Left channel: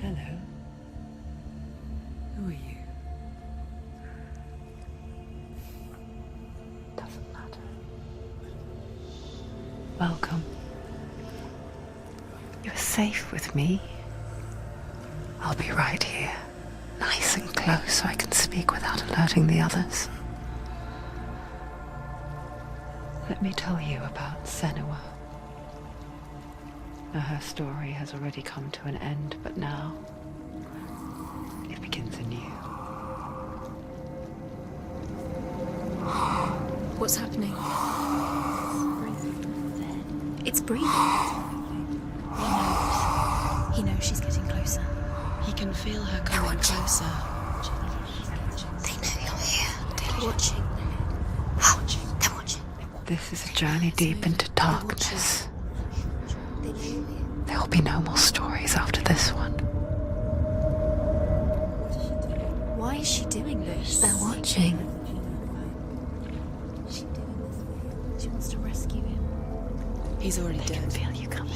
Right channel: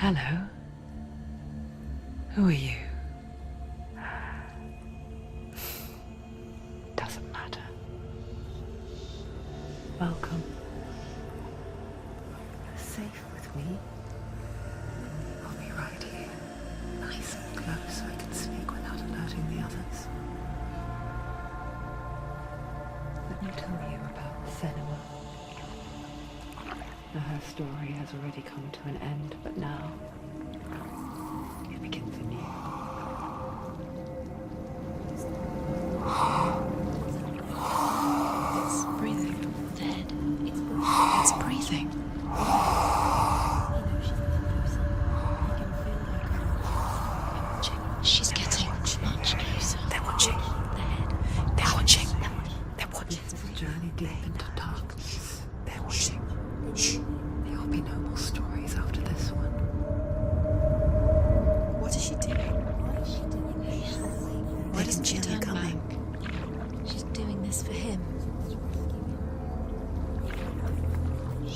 Hello. Who are you? Doesn't matter. Welcome. You're safe with me. I'll be right here, nice and close so I can speak without alerting the others. Let me tell you about Senua. Now, her story has already come to an end, but now it begins anew. What's happening? It's breathing. Dead. It's breathing. It's breathing. He knows she's getting closer. He can feel her coming closer. She's getting closer. They're watching. They're watching. They're watching. This is a journey deep into darkness. There will be no more stories after this one. What is she doing? Why is she doing this? They're watching. Why doesn't she turn coming? She's doing this for him. She wants to rescue him. He's already dead. I can feel you coming.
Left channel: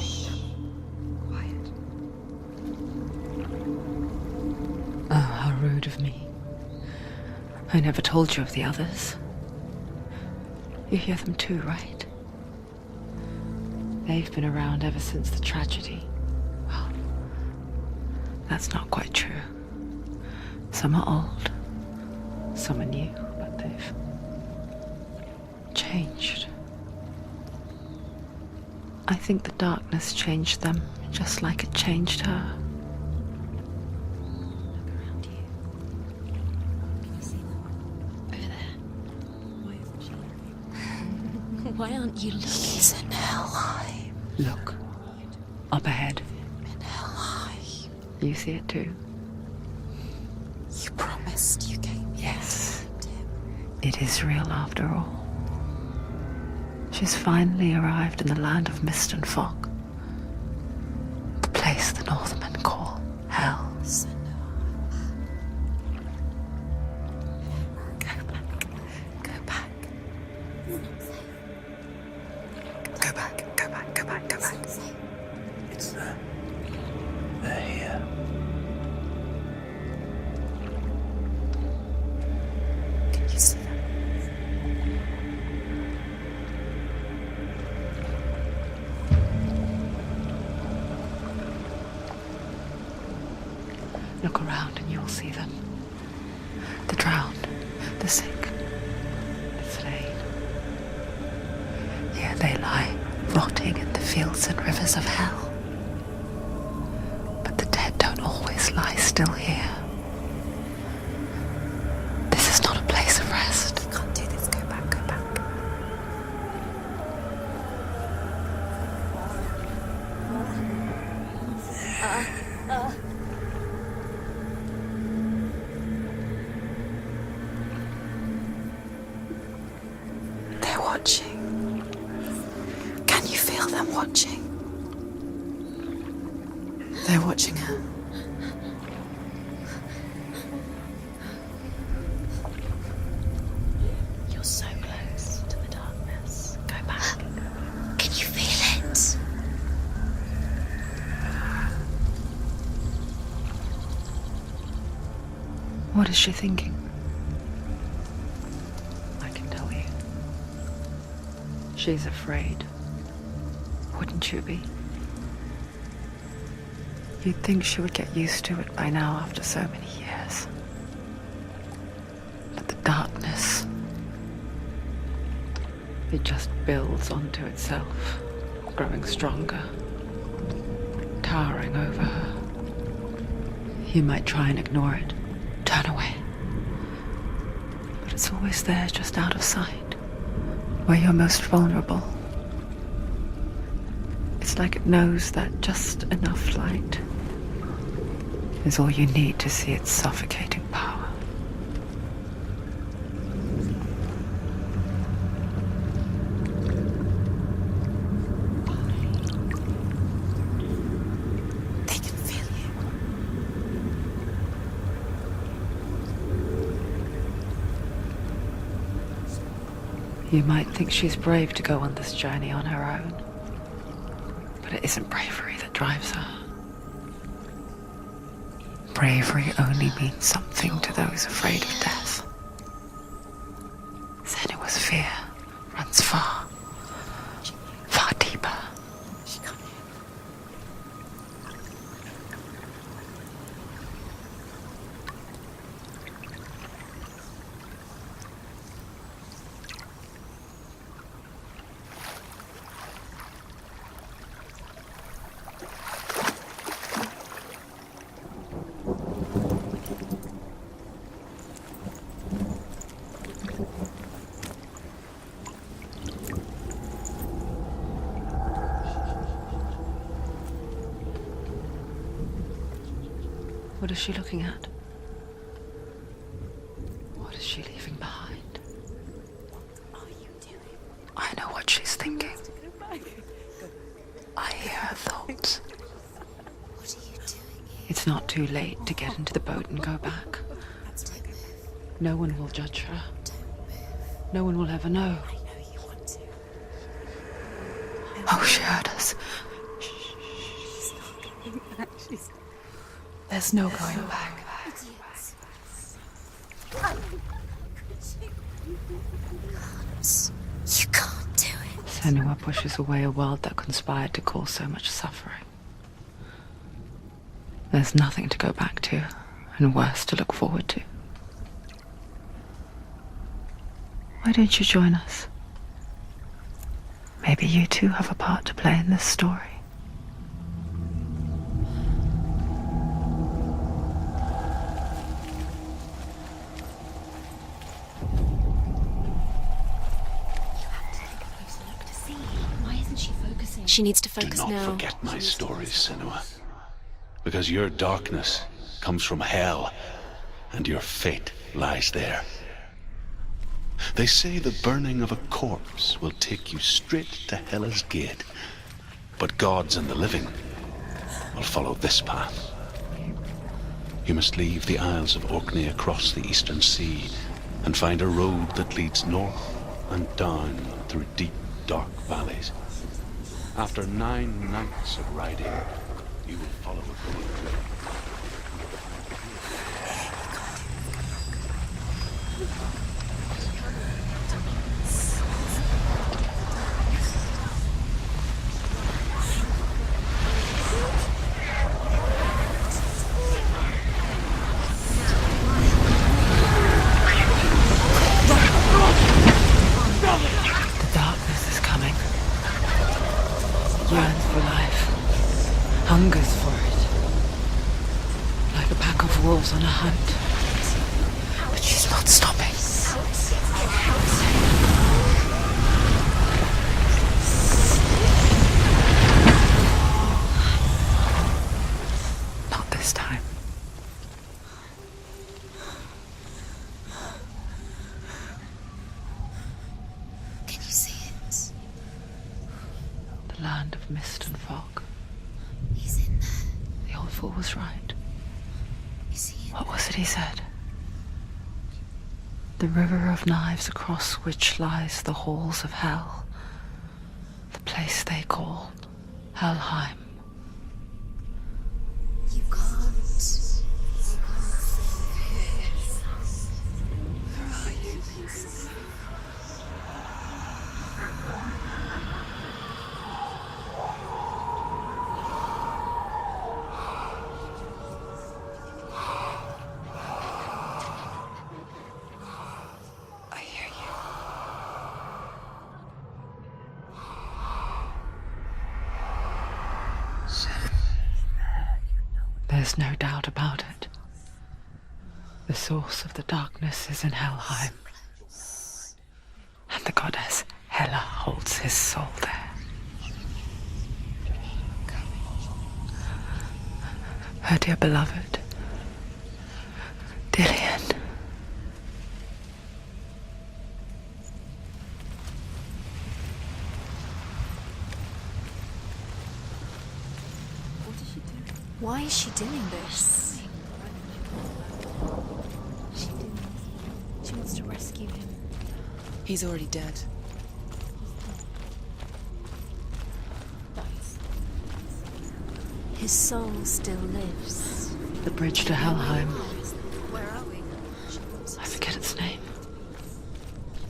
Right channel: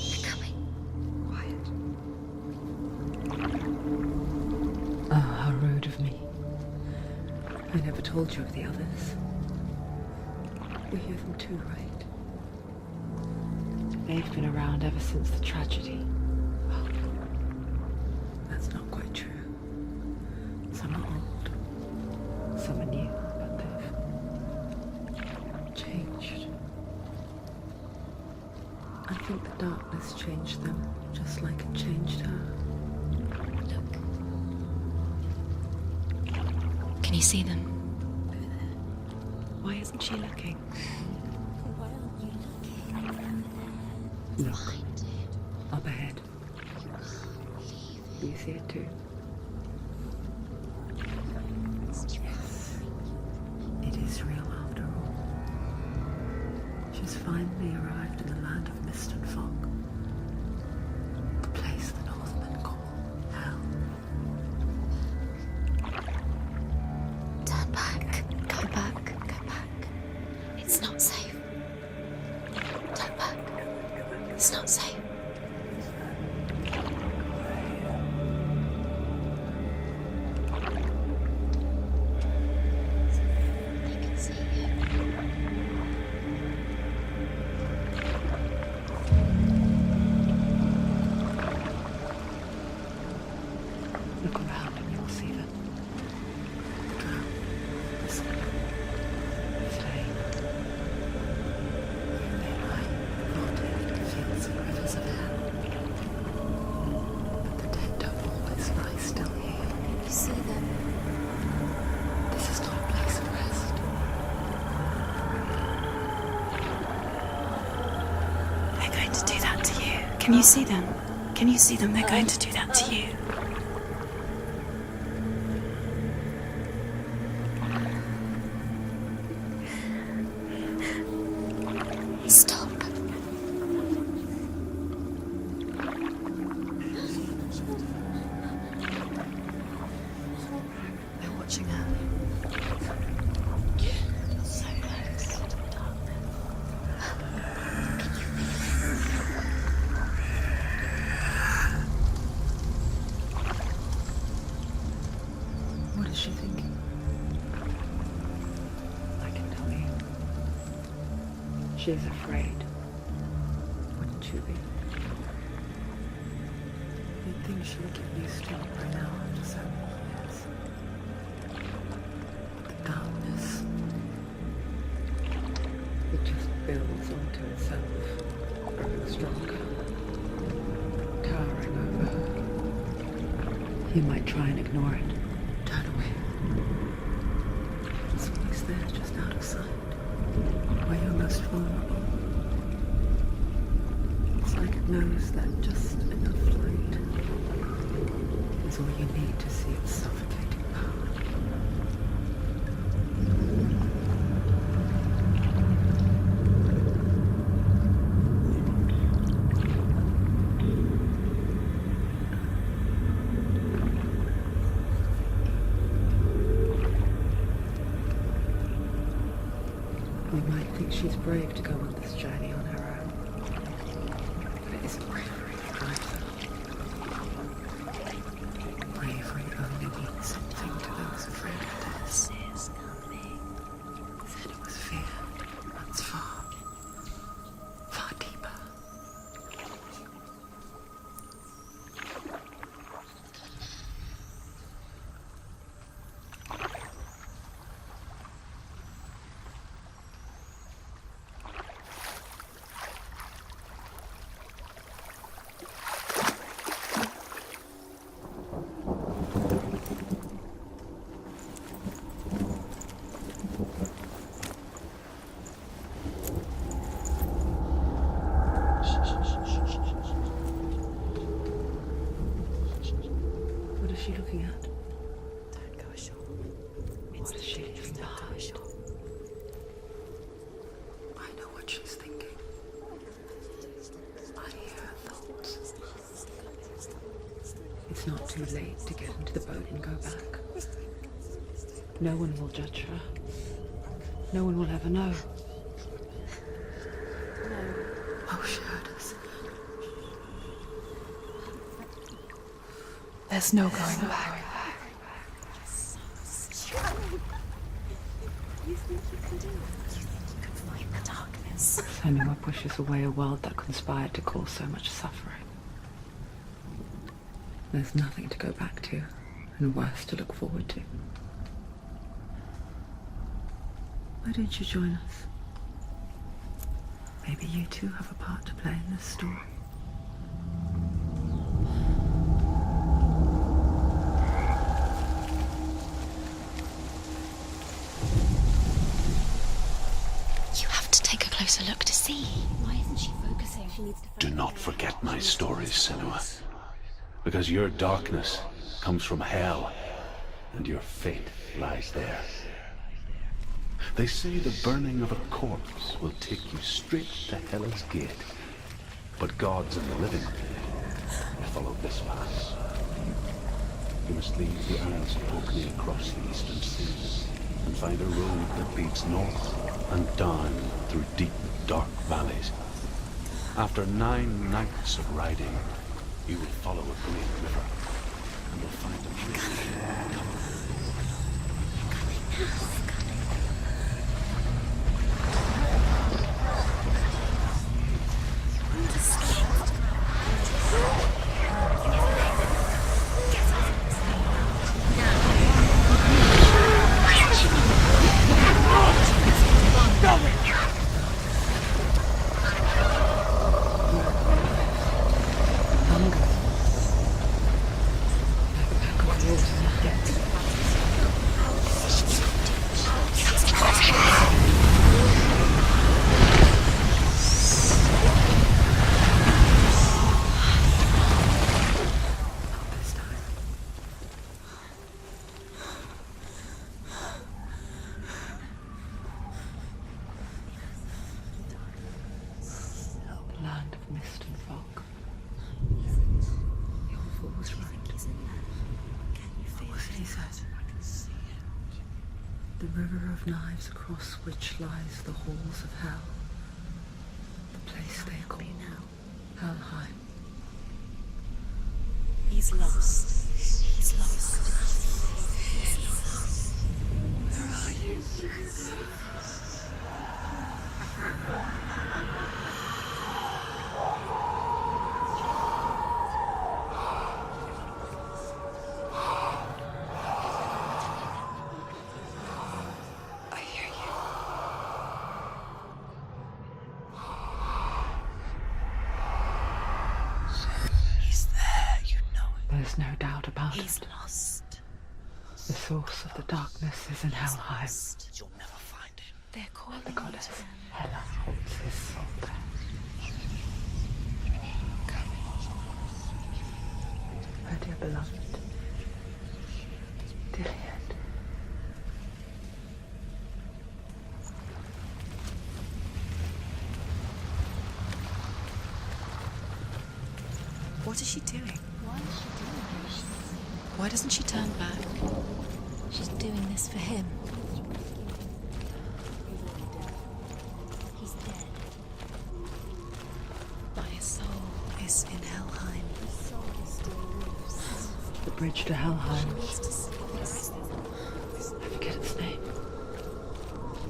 Quiet. Oh, how rude of me. I never told you of the others. You hear them too, right? They've been around ever since the tragedy. Well, that's not quite true. Some are old, some are new, but they've changed. I think the darkness changed them, just like it changed her. Can you see them? Over there. Why isn't she looking? Why aren't you looking? He's in hell. Look, up ahead. Hell. You see it too? You promised you gave you. Yes. It is real after all. She's finally arrived in the land of mist and fog. The place the Northmen call Hell. Turn back. Come back. Go back. It's not safe. Go back. Go back. Go back. Go It's back. not safe. It's there. They're here. You see them? They can see you. Look around and you'll see them. The drowned, the sick, the slain. Here they lie, rotting in the fields and rivers of hell. But the dead don't always lie still here. You see them? This is not a place of rest. You can't do this. Go back. Go back. They're going to do that to you. Can you see them? Can you see them? They're going to do that to you. They're watching. Stop. Can you feel them watching? They're watching her. They're watching her. You're so close to the darkness. Go back. Can you feel it? What is she thinking? I can tell you. She's afraid. Wouldn't you be? You'd think she would get used to it by now after so many years. But the darkness, it just builds onto itself, growing stronger, towering over her. You might try and ignore it, turn away. But it's always there, just out of sight, where you're most vulnerable. It's like it knows that just enough light is all you need to see its suffocating power. They can feel you. You might think she's brave to go on this journey on her own, but it isn't bravery that drives her. bravery only means something to those afraid of death. Senua's fear runs far, far deeper. What is she looking at? What is she leaving behind? I know what she's thinking. I hear her thoughts. It's not too late to get into the boat and go back. No one will judge her. No one will ever know. Oh, she heard us. There's no going back. You can't do it. Senua pushes away a world that conspired to cause so much suffering. There's nothing to go back to, and worse to look forward to. Why don't you join us? Maybe you too have a part to play in this story. You have to take a closer look to see. Why isn't she focusing? She needs to Do focus not now. forget my stories, Senua. Because your darkness comes from hell, and your fate lies there. They say the burning of a corpse will take you straight to Hela's gate. But gods and the living will follow this path. You must leave the Isles of Orkney across the eastern sea and find a road that leads north and down through deep, dark valleys. After 9 nights of riding, you will follow a great river and will find The darkness is coming. Yearns for life. Hungers for it. Like a pack of wolves on a hunt. But she's not stopping. Not this time. Can you see it? The land of mist and fog. He's in there. The old fool was right. You see it? What was it he said? The river of knives across which lies the halls of hell. The place they call Helheim. He's lost. He's lost. Where are you? I hear you. He's there, you know it. There's no doubt about He's it. lost. The source of the darkness is in Helheim, and the goddess Hela holds his soul there. Her dear beloved, Dillian. What is she doing? Why is she doing this? Why doesn't she turn back? She's doing this for him. She wants to rescue him. He's already dead. He's dead. But his soul He's in Helheim. His soul still lives. The bridge to Helheim. I forget its name.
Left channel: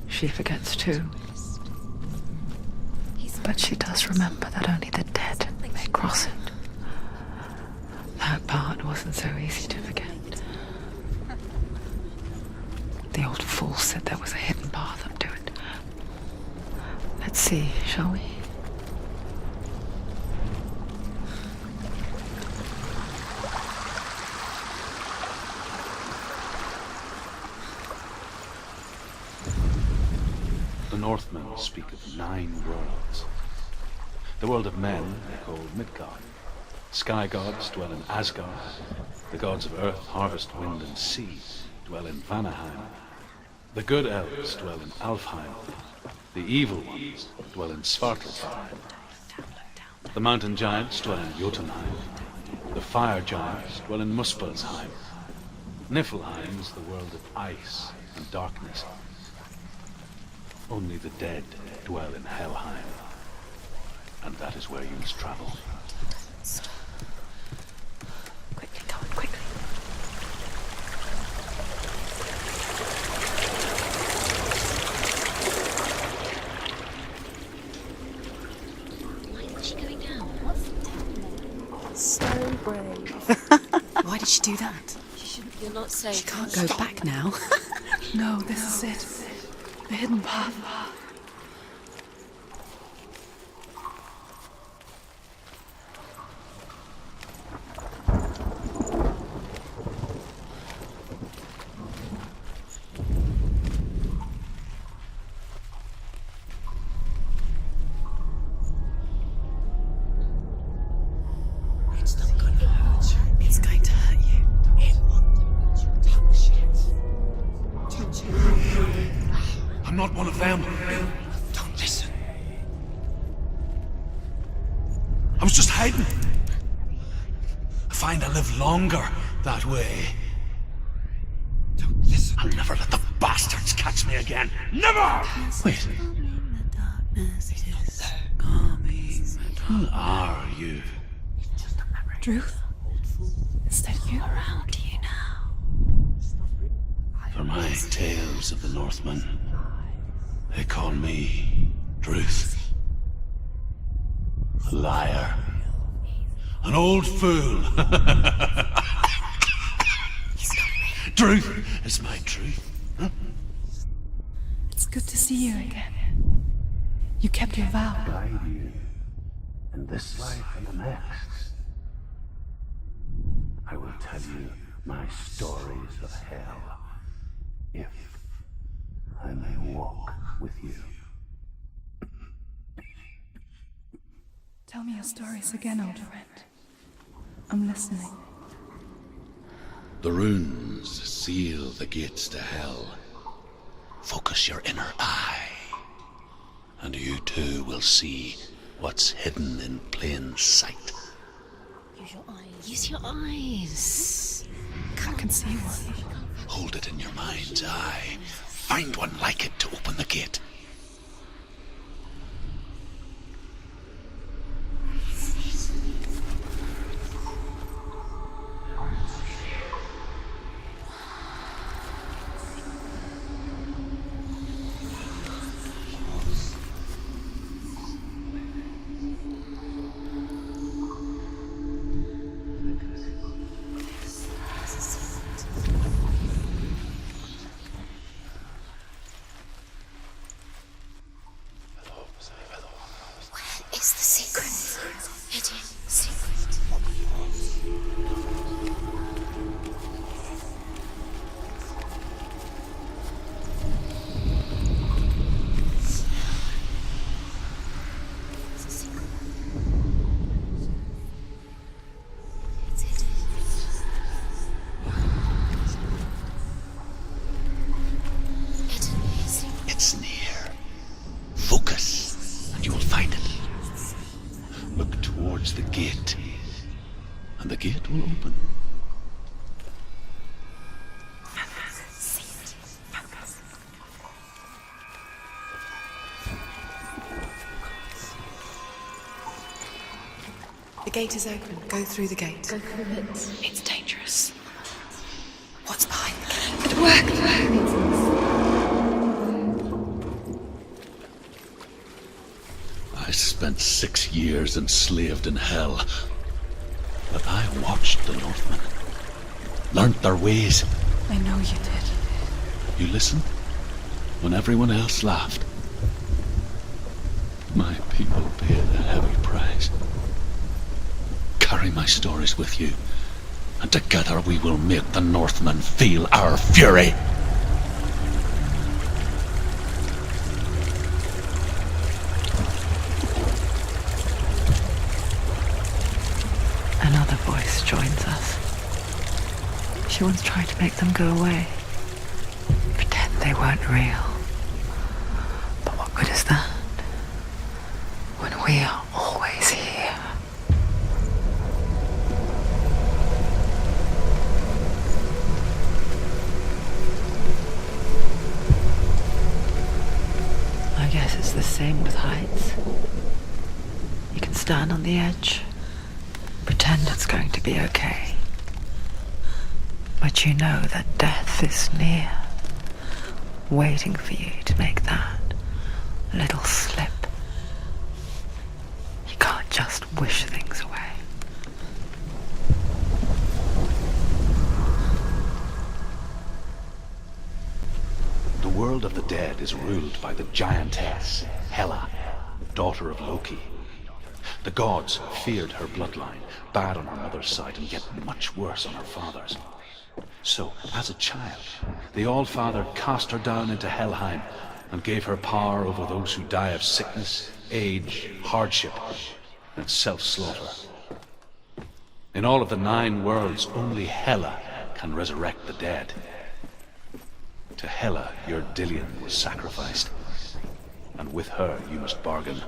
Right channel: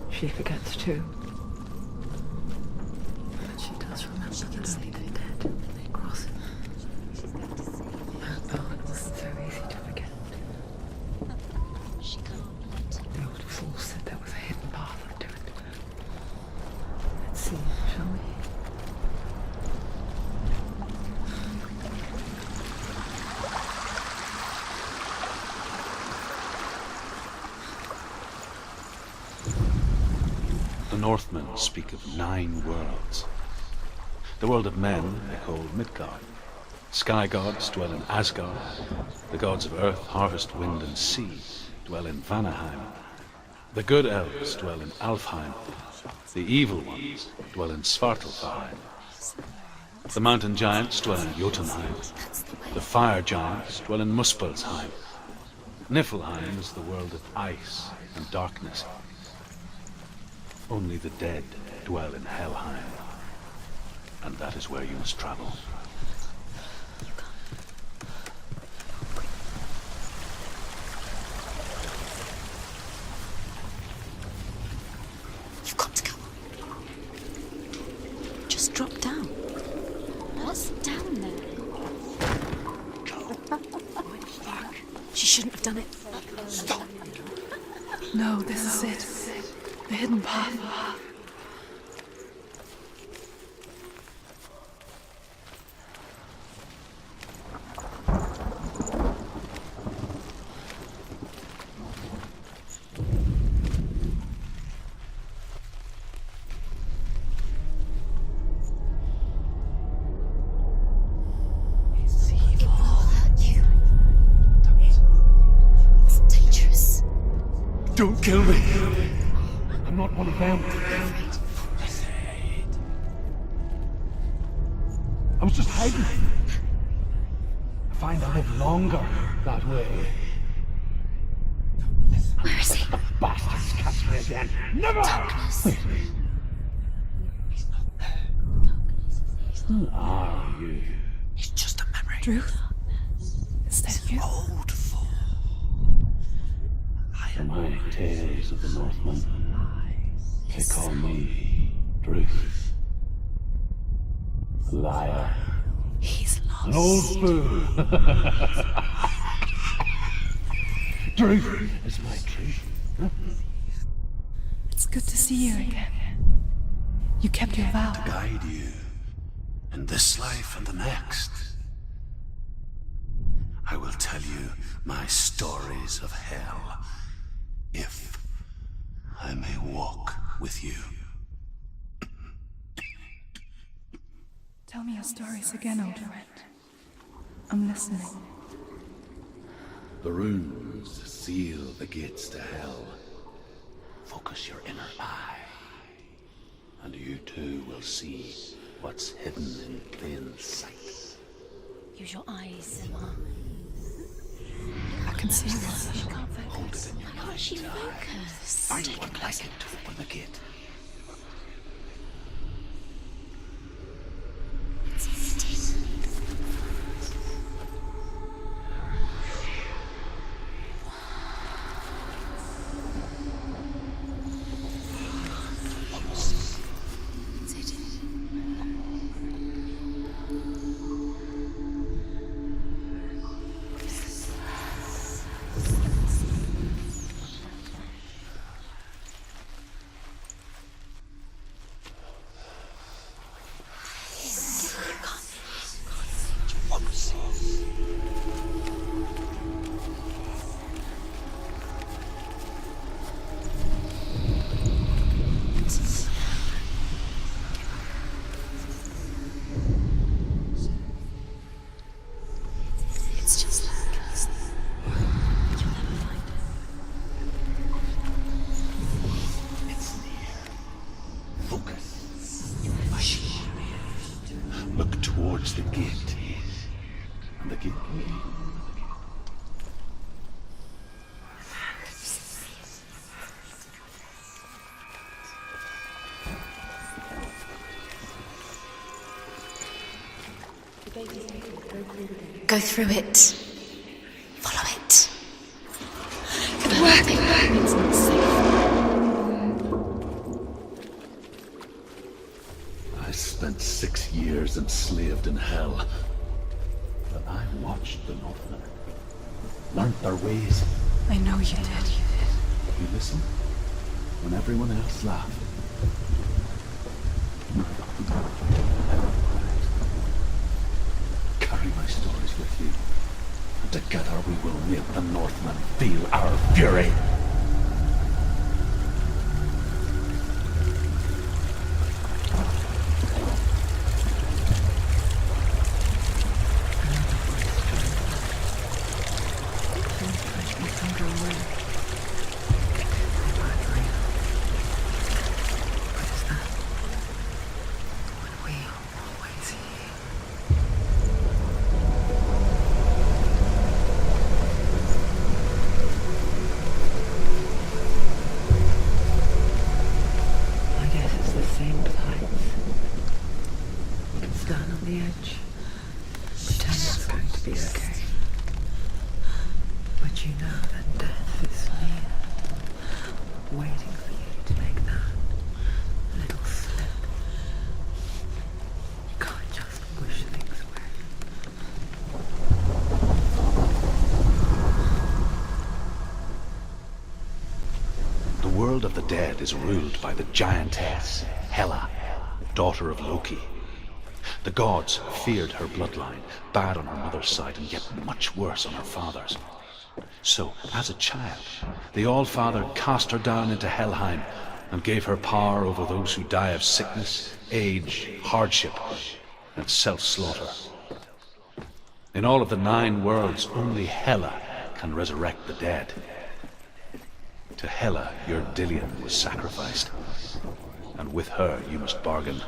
She forgets too. But she does remember that only the dead may cross it. That part wasn't so easy to forget. The old fool said there was a hidden path up to it. Let's see, shall we? The Northmen speak of 9 worlds. The world of men they call Midgard. Sky gods dwell in Asgard. The gods of earth, harvest, wind, and sea dwell in Vanaheim. The good elves dwell in Alfheim. The evil ones dwell in Svartalfheim. The mountain giants dwell in Jotunheim. The fire giants dwell in Muspelheim. Niflheim is the world of ice and darkness. Only the dead dwell in Helheim. And that is where you must travel. Just drop down. Where's she going down? What's down there? So brave. Why did she do that? She shouldn't have done it. She can't go back now. No, this is it. The hidden path. It's going to hurt you. It's dangerous. Don't kill me. I'm not one of them. Don't listen. I was just hiding. I find I live longer that way. Don't listen. I'll never let the bastards catch me again. Never! Wait. Who are you? It's just a memory. Druth? Is that you? Around you now. For my tales of the Northmen, they call me Druth. A liar. He's lost. An old fool. Truth is my truth. It's good to see you again. You kept your vow. Guide you in this life and the next. I will tell you my stories of hell, if I may walk with you. Tell me your stories again, old friend. I'm listening. The runes seal the gates to hell. Focus your inner eye, and you too will see what's hidden in plain sight. Use your eyes. Use your eyes. I can see one. Hold it in your mind's eye. Find one like it to open the gate. It's the secret. Can't get It's just It's near. Focus, and you will find it. Look towards the gate, and the gate will open. gate is open. Go through the gate. Go through it. It's dangerous. Follow it. What's behind It'll work. It's not safe. I spent 6 years enslaved in hell. But I watched the Northmen. Learned their ways. I know you did. You listened when everyone else laughed. My people paid a heavy price. Carry my stories with you, and together we will make the Northmen feel our fury. Another voice joins us. She once tried to make them go away. Pretend they weren't real. But what good is that? When we are always here. I guess it's the same with heights. You can stand on the edge, pretend it's going to be okay. But you know that death is near, waiting for you to make that little slip. You can't just wish things away. The world of the dead is ruled by the giantess, Hela, daughter of Loki. The gods feared her bloodline, bad on her mother's side and yet much worse on her father's. So, as a child, the All-Father cast her down into Helheim and gave her power over those who die of sickness, age, hardship, and self-slaughter. In all of the 9 worlds, only Hela can resurrect the dead. To Hela, your Dillion was sacrificed, and with her you must bargain.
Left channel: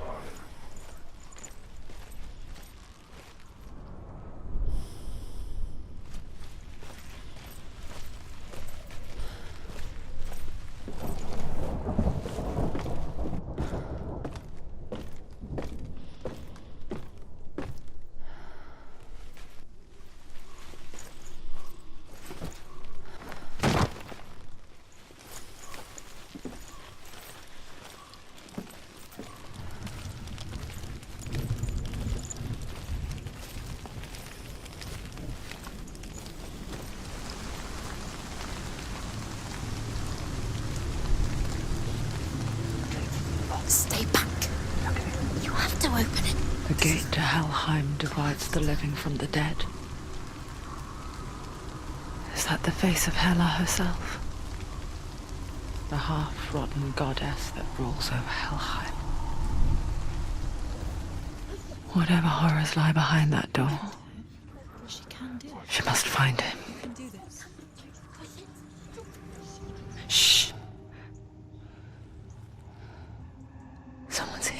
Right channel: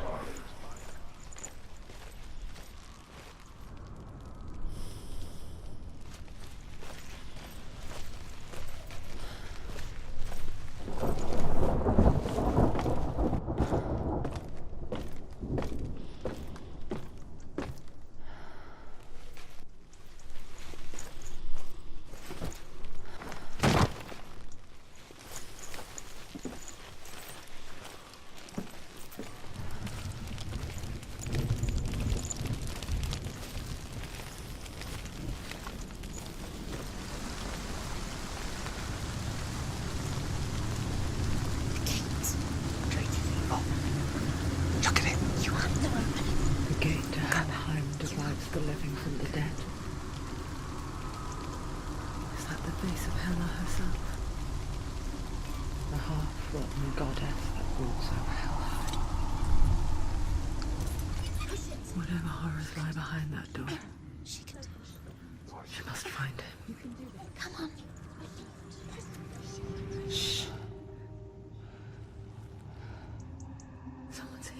Stay back. Look at it. You have to open it. The gate to Helheim divides the living from the dead. Is that the face of Hela herself? The half-rotten goddess that rules over Helheim. Whatever horrors lie behind that door, she must find him. Shh. Someone's here.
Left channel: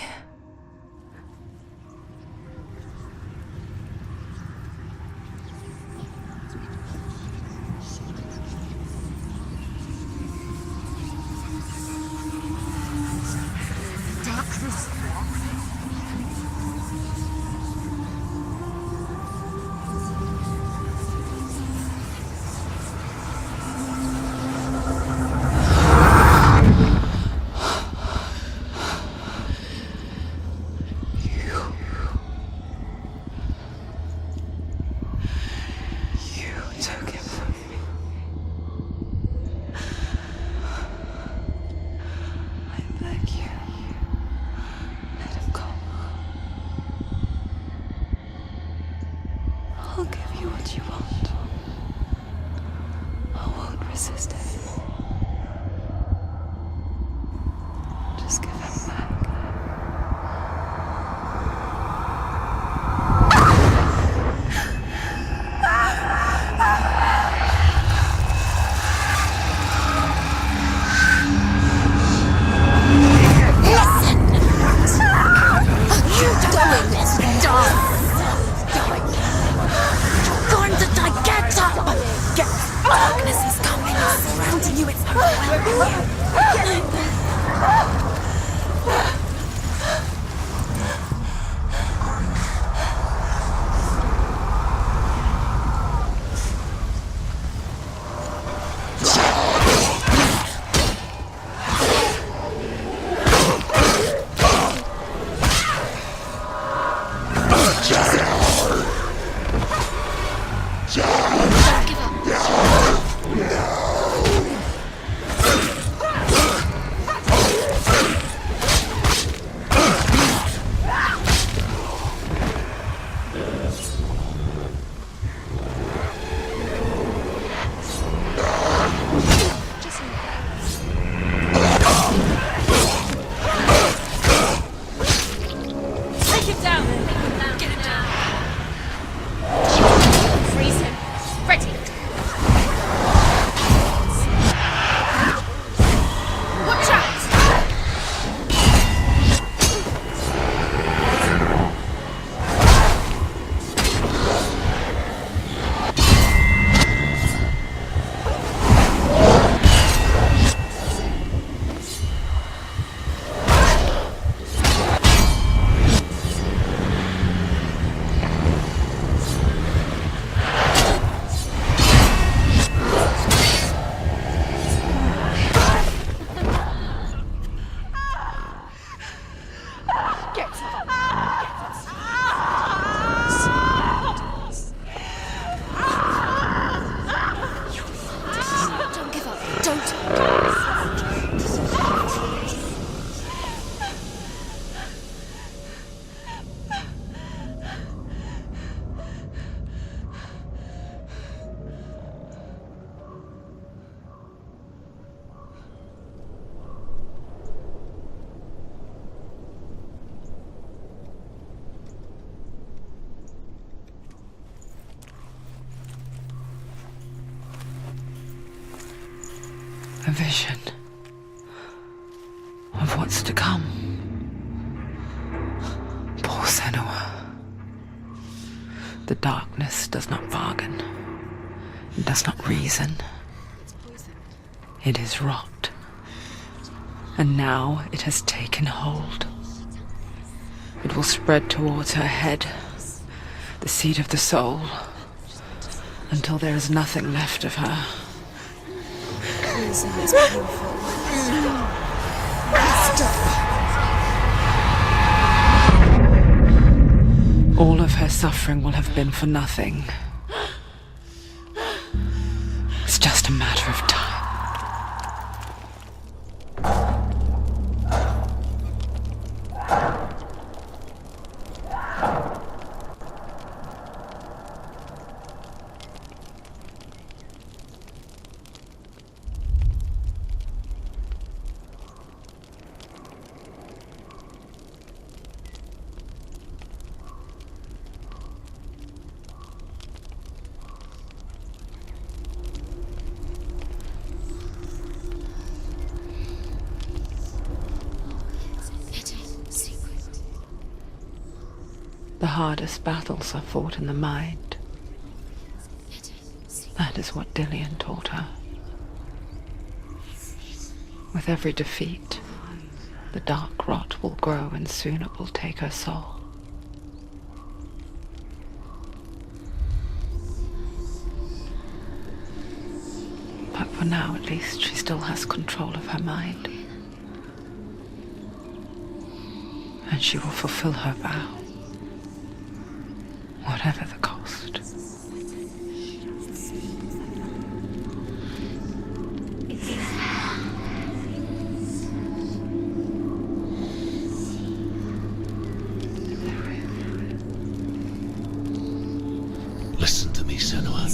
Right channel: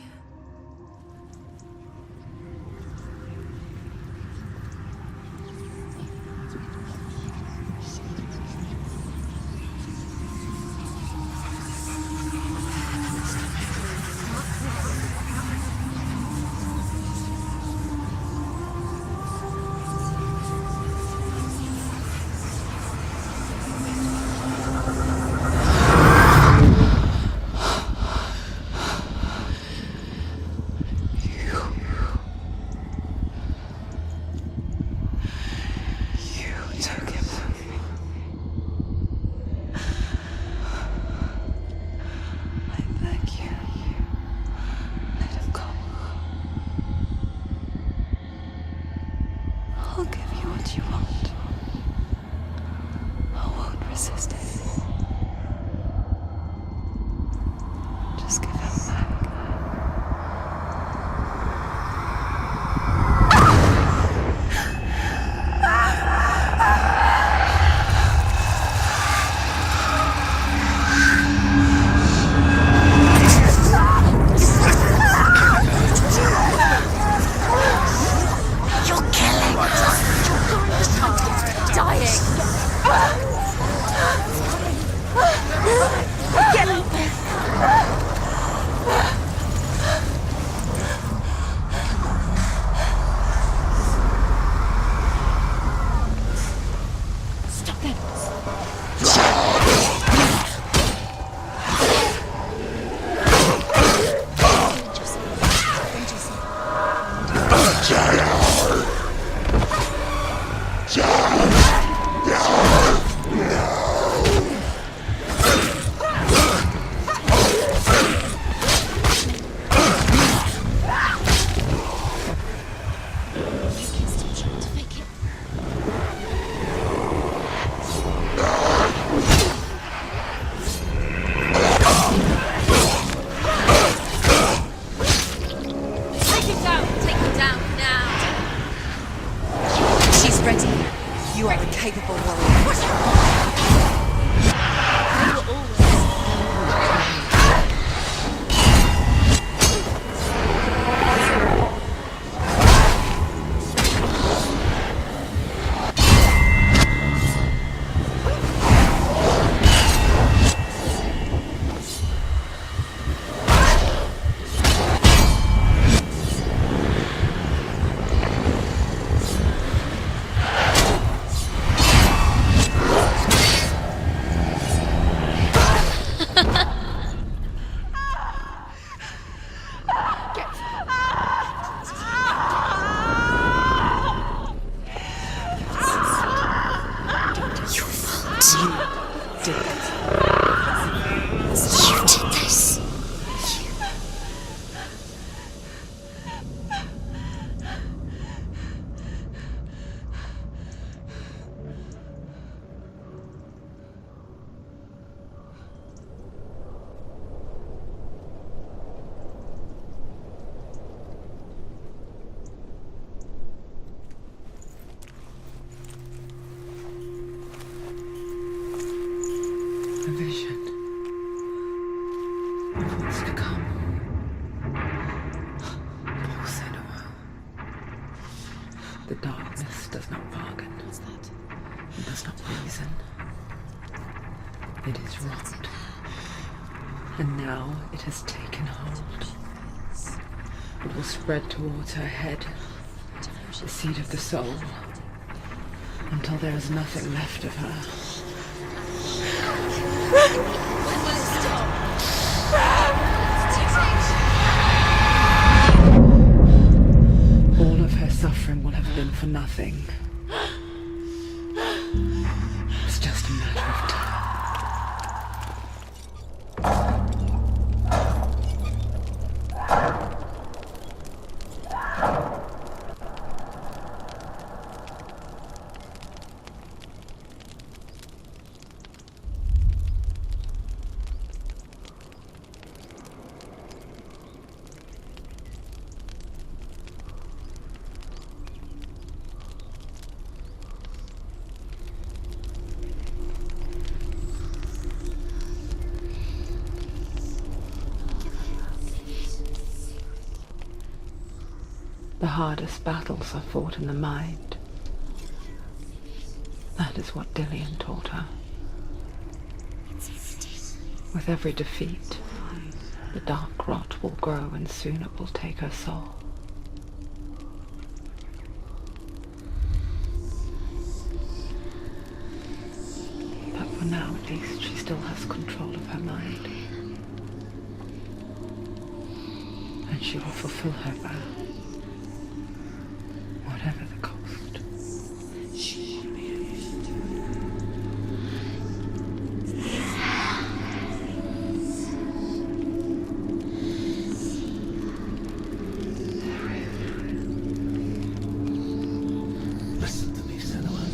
Took him from me. I beg you, let him go. I'll give you what you want. I won't resist anymore. Just give him back. A vision of what's to come. Poor Senua. The darkness does not bargain. It does not reason. It is rot. And now it has taken hold. It will spread towards her head, the seat of the soul, until there is nothing left of her. All of her suffering will have been for nothing. It's just a matter of time. The hardest battles are fought in the mind. That is what Dillian taught her. With every defeat, the dark rot will grow and soon it will take her soul. But for now, at least, she still has control of her mind. And she will fulfill her vow. Whatever the cost. Listen to me, Senua.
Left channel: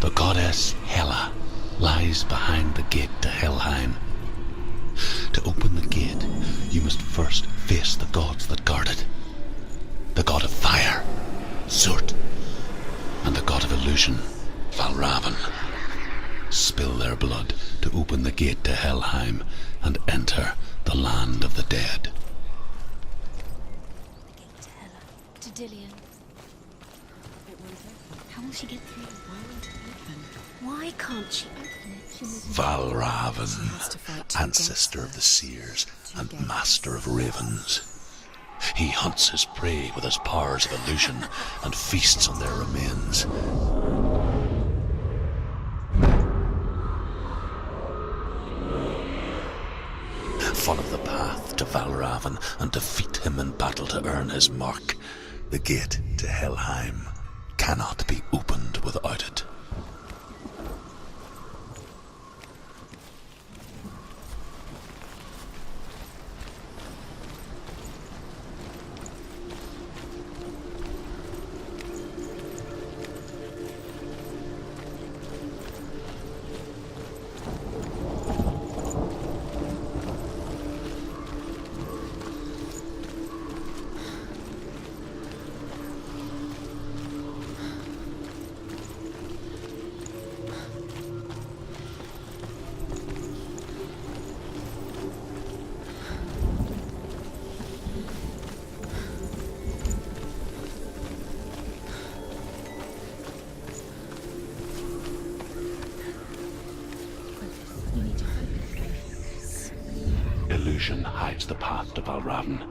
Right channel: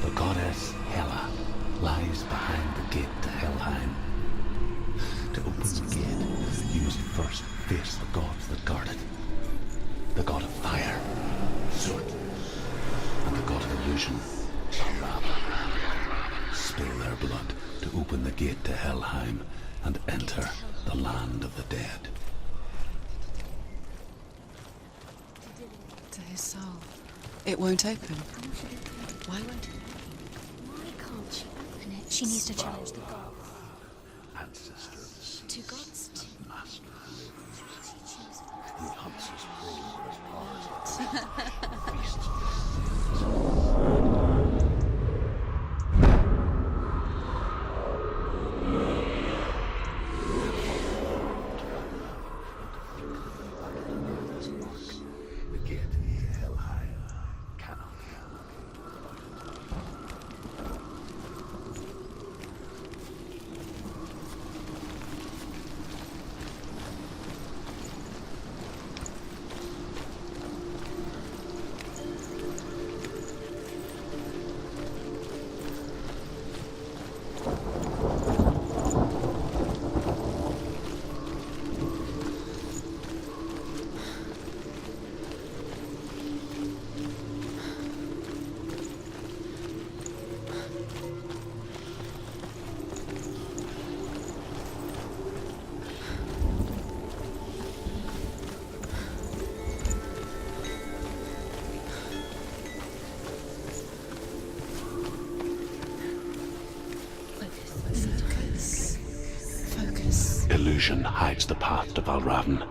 The goddess Hela lies behind the gate to Helheim. To open the gate, you must first face the gods that guard it. The god of fire, Surt, and the god of illusion, Valravn. Spill their blood to open the gate to Helheim and enter the land of the dead. To Dillian. To his soul. It won't open. How will she get through? Why won't it open? Why can't she open it? She needs to... Valravn, ancestor of the seers and master of ravens. He hunts his prey with his powers of illusion and feasts on their remains. Follow the path to Valravn and defeat him in battle to earn his mark. The gate to Helheim cannot be opened without it. Illusion hides the path to Valravn.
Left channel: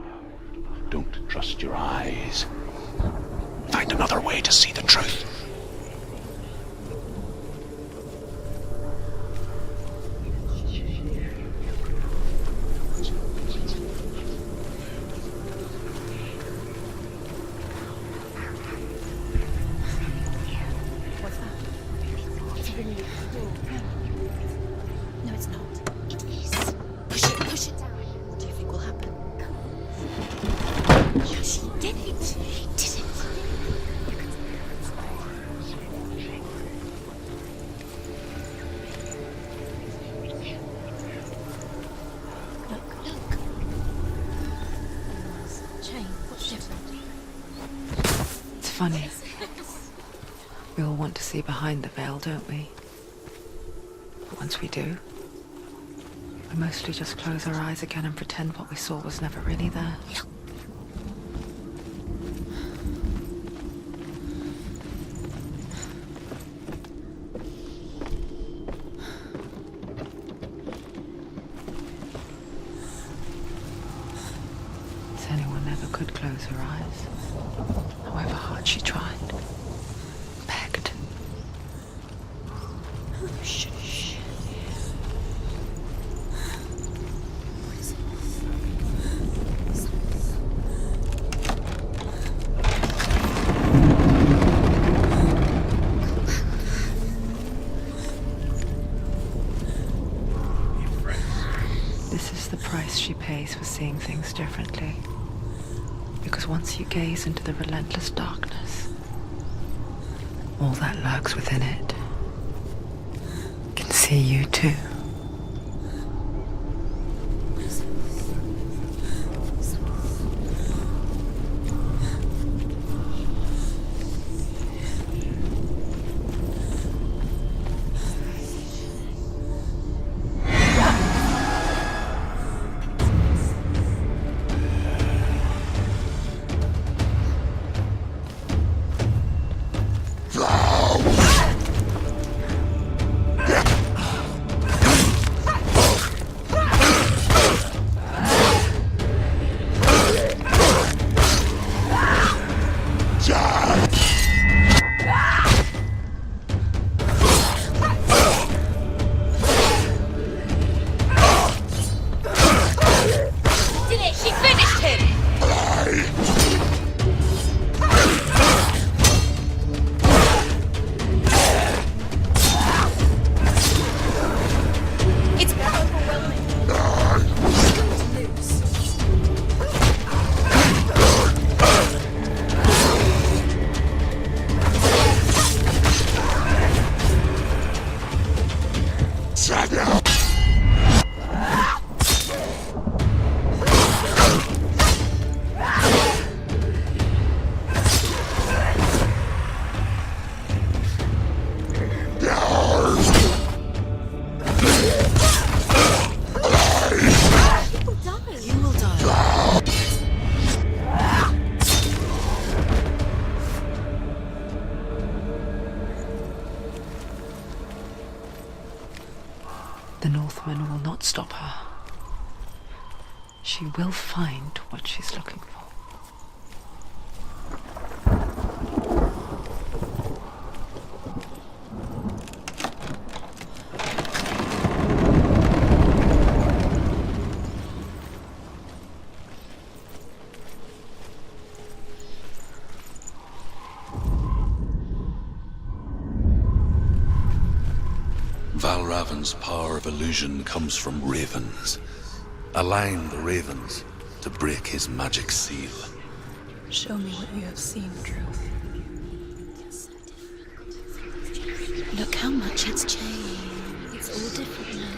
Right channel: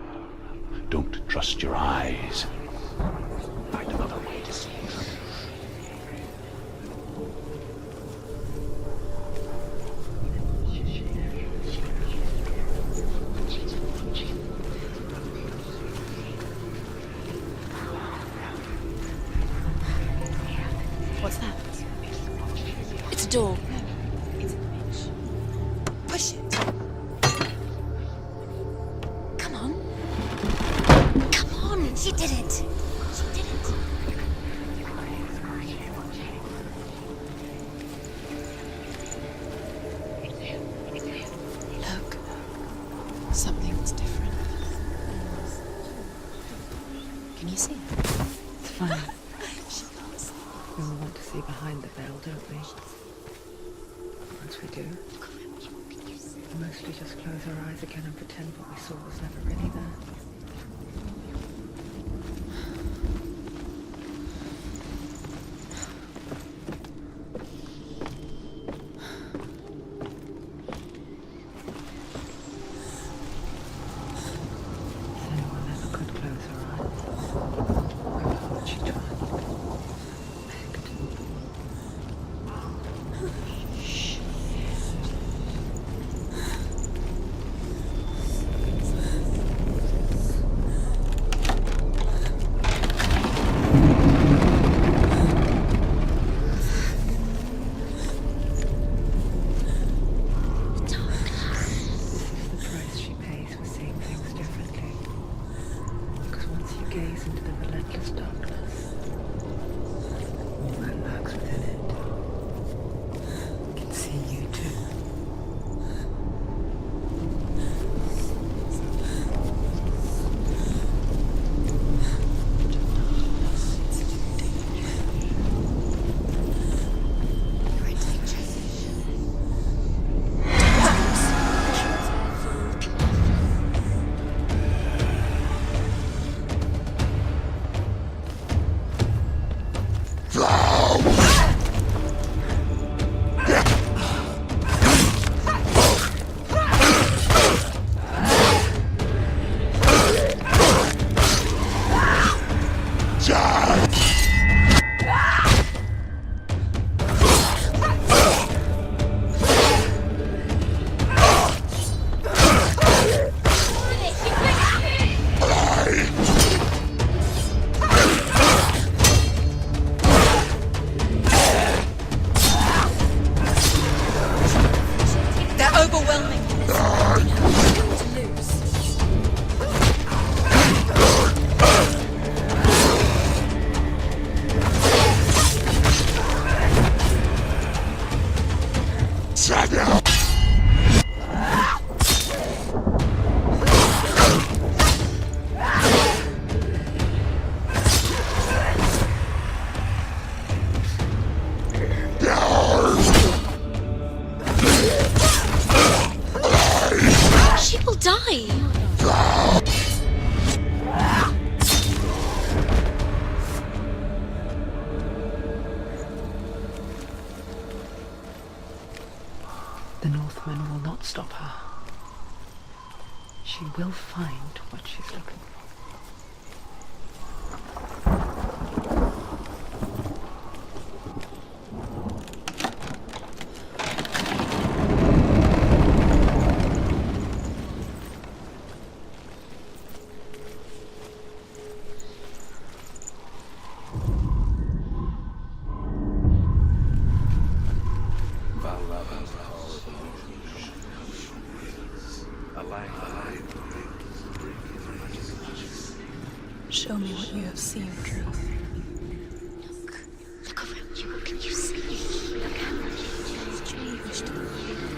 Don't trust your eyes. Find another way to see the truth. What's that? It's a door. No, it's not. Push it. Push it. Push it. Do you think will happen? Come on. Come on. She did it. She did it. Look. Something's different. Can you see? It's funny. We all want to see behind the veil, don't we? Once we do, we mostly just close our eyes again and pretend what we saw was never really there. Senua never could close her eyes, however hard she tried. Begged. Shh. This is the price she pays for seeing things differently. Because once you gaze into the relentless darkness, all that lurks within it can see you too. The Northman will not stop her. She will find what she's looking for. Valravan's power of illusion comes from ravens. Align the ravens to break his magic seal. Show me what you have seen, Truth. Look how much it's changed. It's all different now.